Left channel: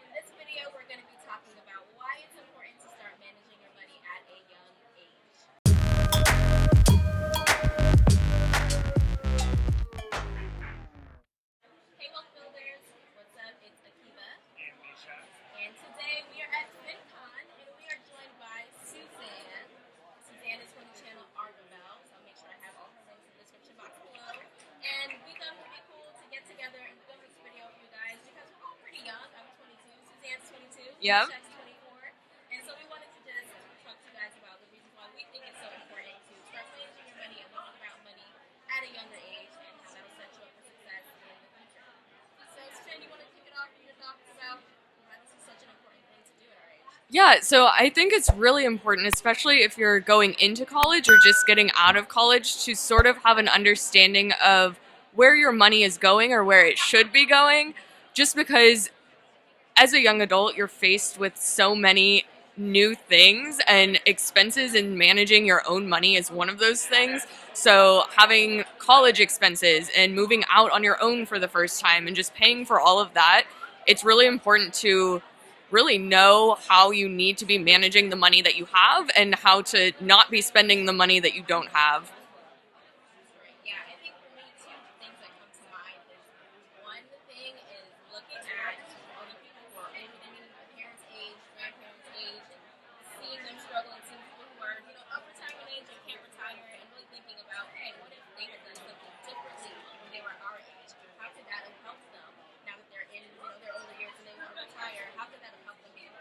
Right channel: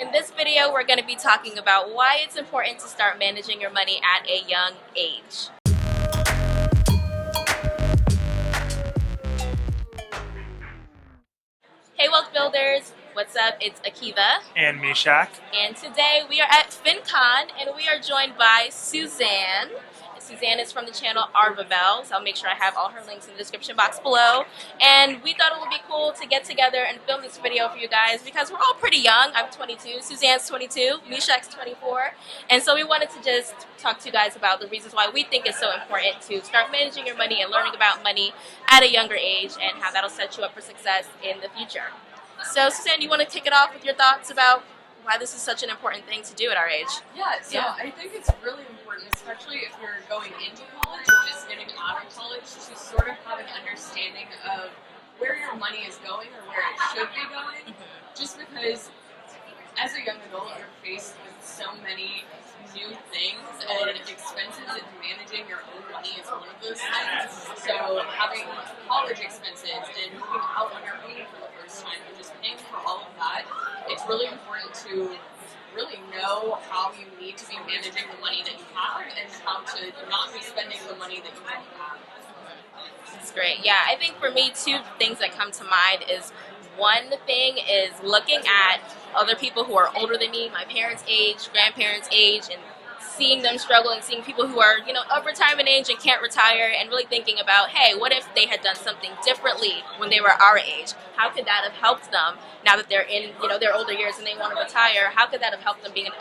In this video, we're going to be talking about why it's important to start managing your money at a young age. Hey Wealth Builders, what's up? It's Akiva. And Mishak. And today we are at FinCon and we are joined by Suzanne. Suzanne is from the channel Arvabelle, so I'll make sure I have all her links in the description box below. And we thought it would be cool to get together and film this video for you guys because we're all pretty young. I'm 22, Suzanne's 22, Yep. Mishak's 24. And so we wanted to just talk to you guys about the reasons why we think it's so important to start managing your money and learning about money at a younger age and how that'll set you up for success in the future. So Suzanne, you want to kick it off with your thoughts about why this is such an important thing to do at our age? Yeah, so I think it's really important, especially if you're going into college or just getting out of college, to sort of have an understanding of where your money is going or where it should be going, just because as a young adult, you're faced with so many new things and expenses, and managing your own money is one of those things. So having college expenses and moving out on your own for the first time and just paying for all of that, it's really important to really know how you need to be managing the money that you have and how to not be spending the money that you don't have. That's great. Yeah, I think for me, two things that come to mind is one thing is looking at other people who are older than me, my parents' age, grandparents' age, and seeing them struggle and seeing people who are, of retirement age and can't retire, and really thinking about, hey, what if they had done something differently when they were our age? How could that have helped them now that they're in, their older years and they want to retire? How could that have helped them be in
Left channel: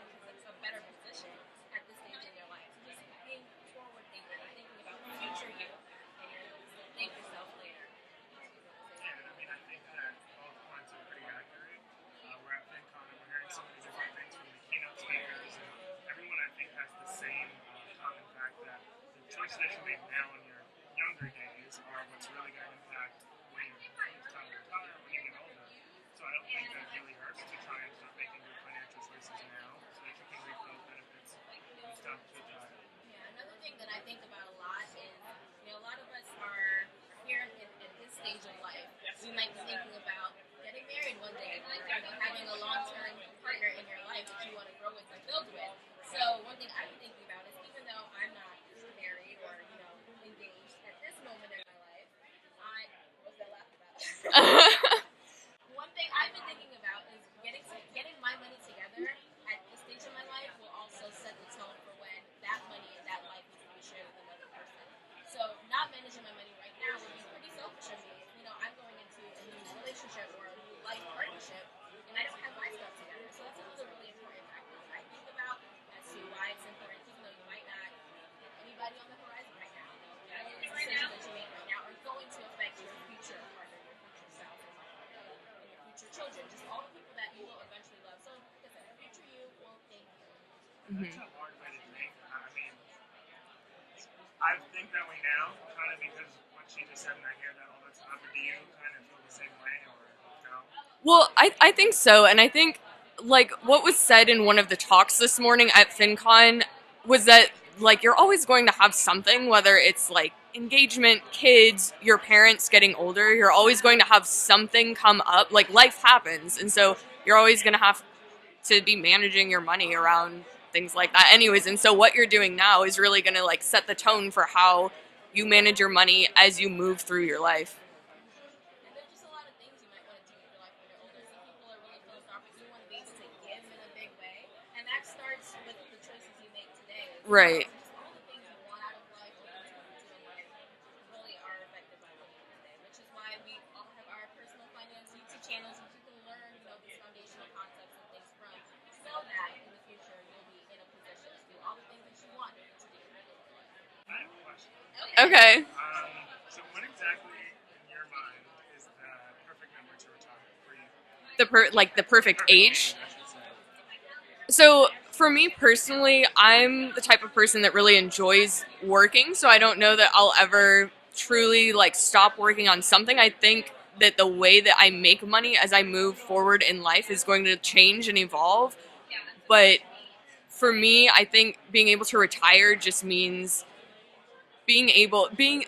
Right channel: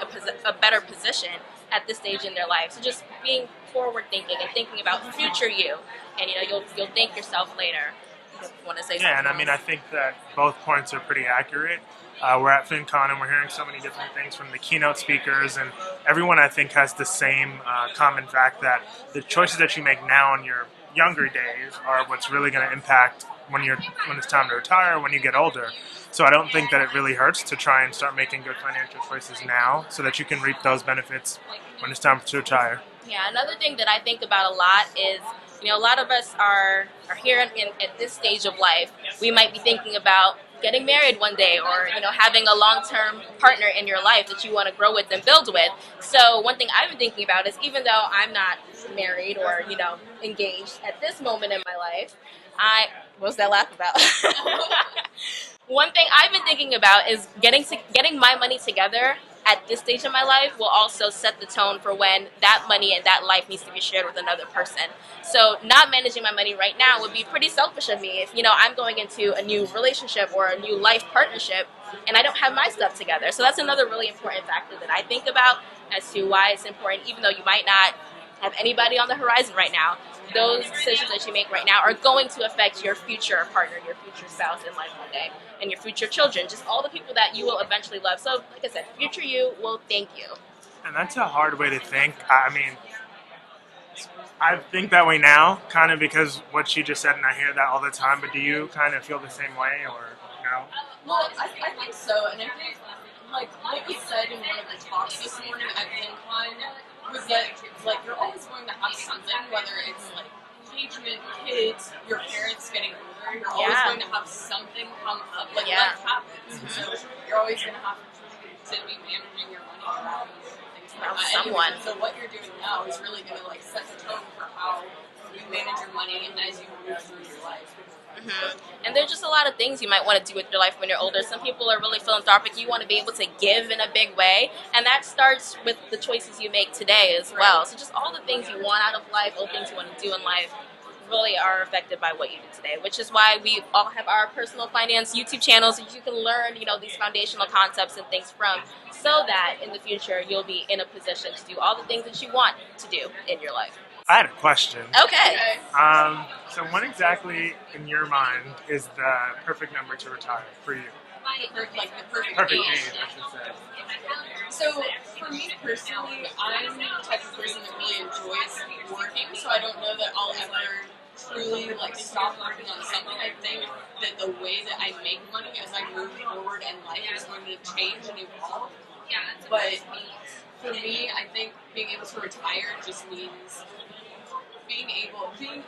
a better position at this stage in their life? So just being forward thinking and thinking about future you, and you'll thank yourself later. You want to say something? Yeah, and I think that both points are pretty accurate. We're at FinCon and we're hearing so many different things from the keynote speakers, and everyone I think has the same common fact that the choices that you make now in your younger days are what's really going to impact when it's time to retire, when you get older. So I don't think that it really hurts to try and start making good financial choices now so that you can reap those benefits when it's time to retire. Yeah, another thing that I think about a lot is, a lot of us are here at this stage of life. We might be thinking about getting married one day, or having a long-term partner in your life that you want to grow with and build with. So one thing I've been thinking about is, even though I'm not married or engaged at this moment in my life, what was that laugh about? One thing I've been thinking about is getting my money together at this stage of my life will also set the tone for when that money and that life needs to be shared with another person. So not managing my money right now would be pretty selfish of me if, I'm going into a new relationship or a new life partnership and I don't have my stuff together. So that's another really important factor that I think about as to why it's important, even though you might not have anybody on the horizon right now. Those decisions that you make right now are going to affect your future partner, your future spouse in life one day, and your future children, just all the people that you will eventually love. So, like I said, future you will thank you. And that's a hard way to think. I mean, I think that way now, kind of because what she just said, and I hear that all the time, but do you kind of feel the same way, or no? Well, I think so, and I think, like, what was said in one of the talks this morning at FinCon was that, like, you're always going to have something, whether it's, like, engagement, kids, your parents getting older, you're always going to have something come up. Like, life happens, and so you're always going to have to be managing your money around things like that anyways. And so what you're doing now is really going to, like, set the tone for how you manage your money as you move through your life. Mm-hmm. And there's just a lot of things you might want to do with your life when you're older. Some people are really philanthropic. You want to be able to give in a big way. And that starts with the choices you make today as well. So just all the things you want out of life, all the things you want to do in life, really are affected by what you do today. Which is why we all have our personal finance YouTube channels that you can learn, these foundational concepts and things from, so that in the future you'll be in a position to do all the things that you want to do in your life. I had a question. Okay. So what exactly, in your mind, is the perfect number to retire for you? The perfect age? I should say. So for me personally, I'm the type of person that really enjoys working, so I don't know that I'll ever truly, like, stop working on something. I think that the way that I make money as I move forward in life is going to change and evolve. But for me, I think being able to retire just means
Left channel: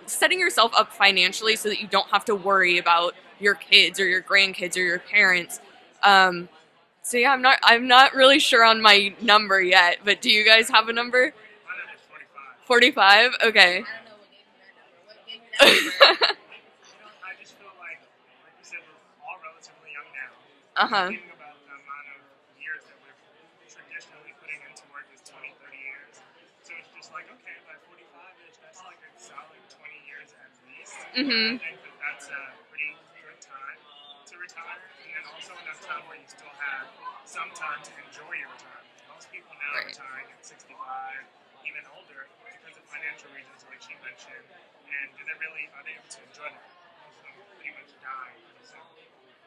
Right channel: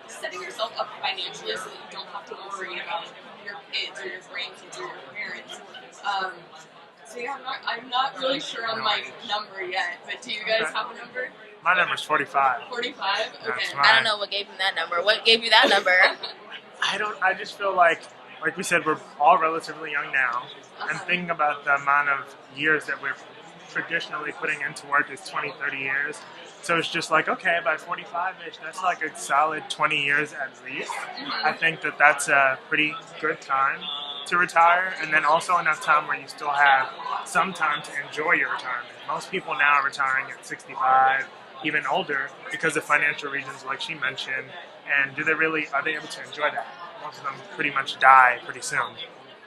setting yourself up financially so that you don't have to worry about your kids or your grandkids or your parents. See, I'm not really sure on my number yet, but do you guys have a number? My number's 45. 45? Okay. That's I don't know what gave him that number. What gave you that number? I just feel like we said, we're all relatively young now. Uh-huh. And thinking about the amount of years that we're traditionally putting into work is 20, 30 years. So it's just like, okay, by 45-ish, that's like a solid 20 years at least. Mhm. I think that that's a pretty good time to retire, and then also enough time where you still have some time to enjoy your retirement. Most people now are retiring at 65, even older, because of financial reasons like she mentioned. And are they able to enjoy that? Most of them pretty much die pretty soon.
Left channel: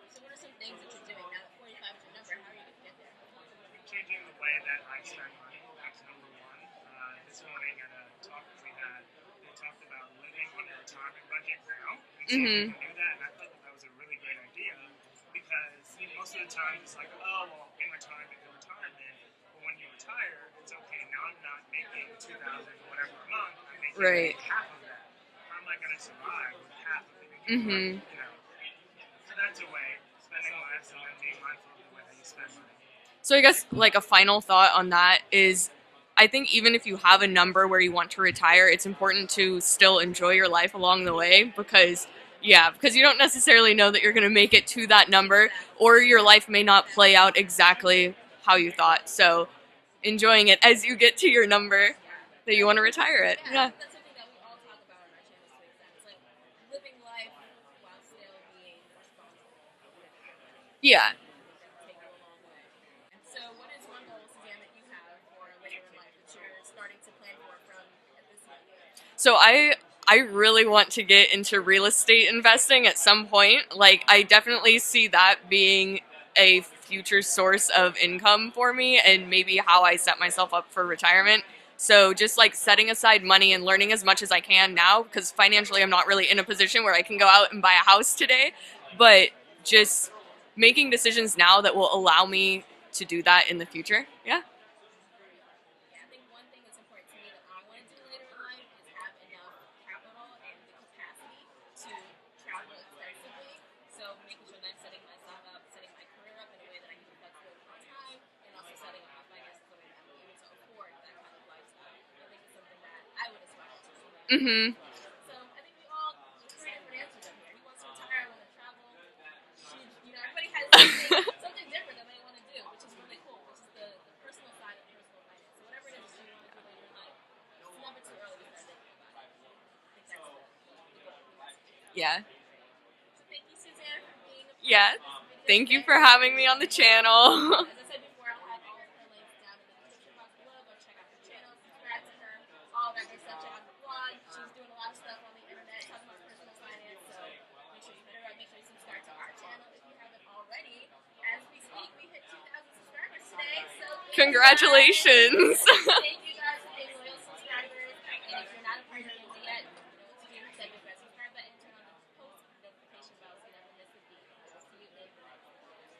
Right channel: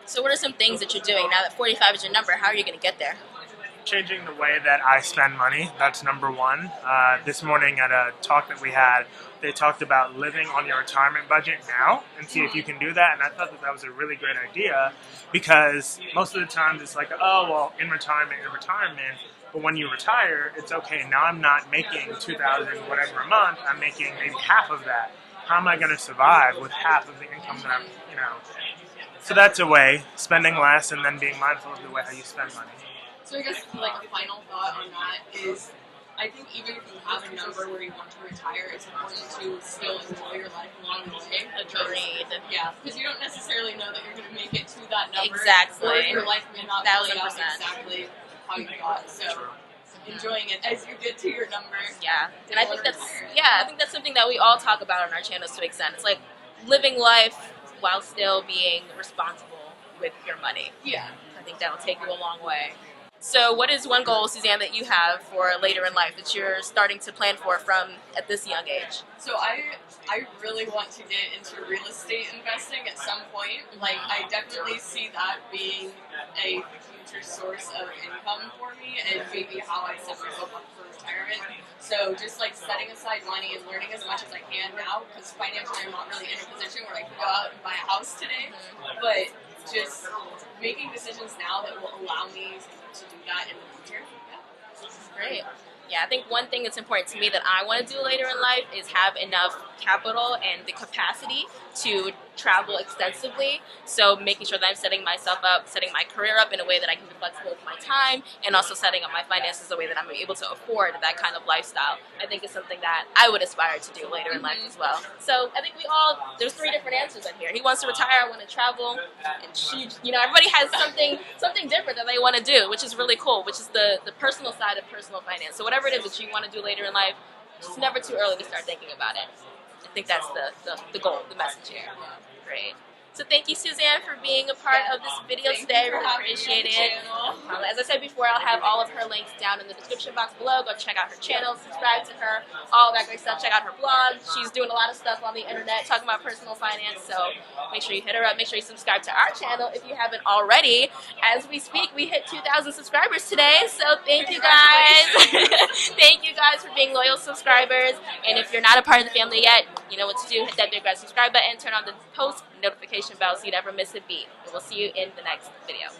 So what are some things that you're doing now that 45 is your number? How are you going to get there? Changing the way that I spend money, that's number one. This morning at a talk that we had, they talked about living on your retirement budget now and see if you can do that. And I thought that that was a really great idea, because most of the times it's like, oh, well, in retirement. But when you retire, it's okay, now I'm not making $2,000 whatever a month, I'm making maybe half of that. How am I going to survive with half of the income that I'm, So that's a way, spending less and then being mindful of the way how you spend money. So I guess like a final thought on that is, I think even if you have a number where you want to retire, it's important to still enjoy your life along the way, because because you don't necessarily know that you're going to make it to that number, or your life may not play out 1000%. exactly how you thought. So enjoying it as you get to your number that you want to retire it. I think that's something that we all talk about on our channels to an extent. It's like living life while still being responsible with your money. Yeah. I think that'll take you a long way. So what is one goal, Suzanne, that you have for later in life that you're starting to plan for from at this young age? So I really want to get into real estate investing at some point. Like, I definitely see that being a future source of income for me, and maybe how I set myself up for retirement. So just like setting aside money and learning as much as I can now, because financially I'm not really in a position where I can go out and buy a house today, but just making decisions now that will allow me to do that in the future. Yeah. Great. Yeah, I think one thing that's important to me that I want to do later in life is have enough capital and the capacity to travel extensively. So making sure that I'm setting myself up, setting my career up in a way that I can be flexible with my time, and also setting up my finances in a way that I'm able to afford that kind of lifestyle. I think is something that I would aspire to do later in life as well. So I think there's 3 different answers in here. He wants to retire, I want to travel, and she, everybody has something different that they want to do, which is really cool, which is the personal side of personal finance. So whatever it is that you want to do later in life, it's never too early to start thinking about it. I think that's the goal, the message here. Yeah. Great. So thank you, Suzanne, for being a part of this video Thank today. you for having me on the channel. As I said before, I'll have all of her links down in the description box below. Go check out her channel, subscribe to her, all that great stuff. Check out her blog. She's doing a lot of stuff on the internet talking about personal finance. So make sure you hit her up. Make sure you subscribe to our channel if you haven't already. As we speak, we hit 2,000 subscribers today. So thank you guys. Congratulations. Thank you guys for being loyal subscribers. And if you're not a part of the family yet, you know what to do. Hit that big red subscribe button. Turn on the post notification bell so you never miss a beat. And we'll see you in the next video.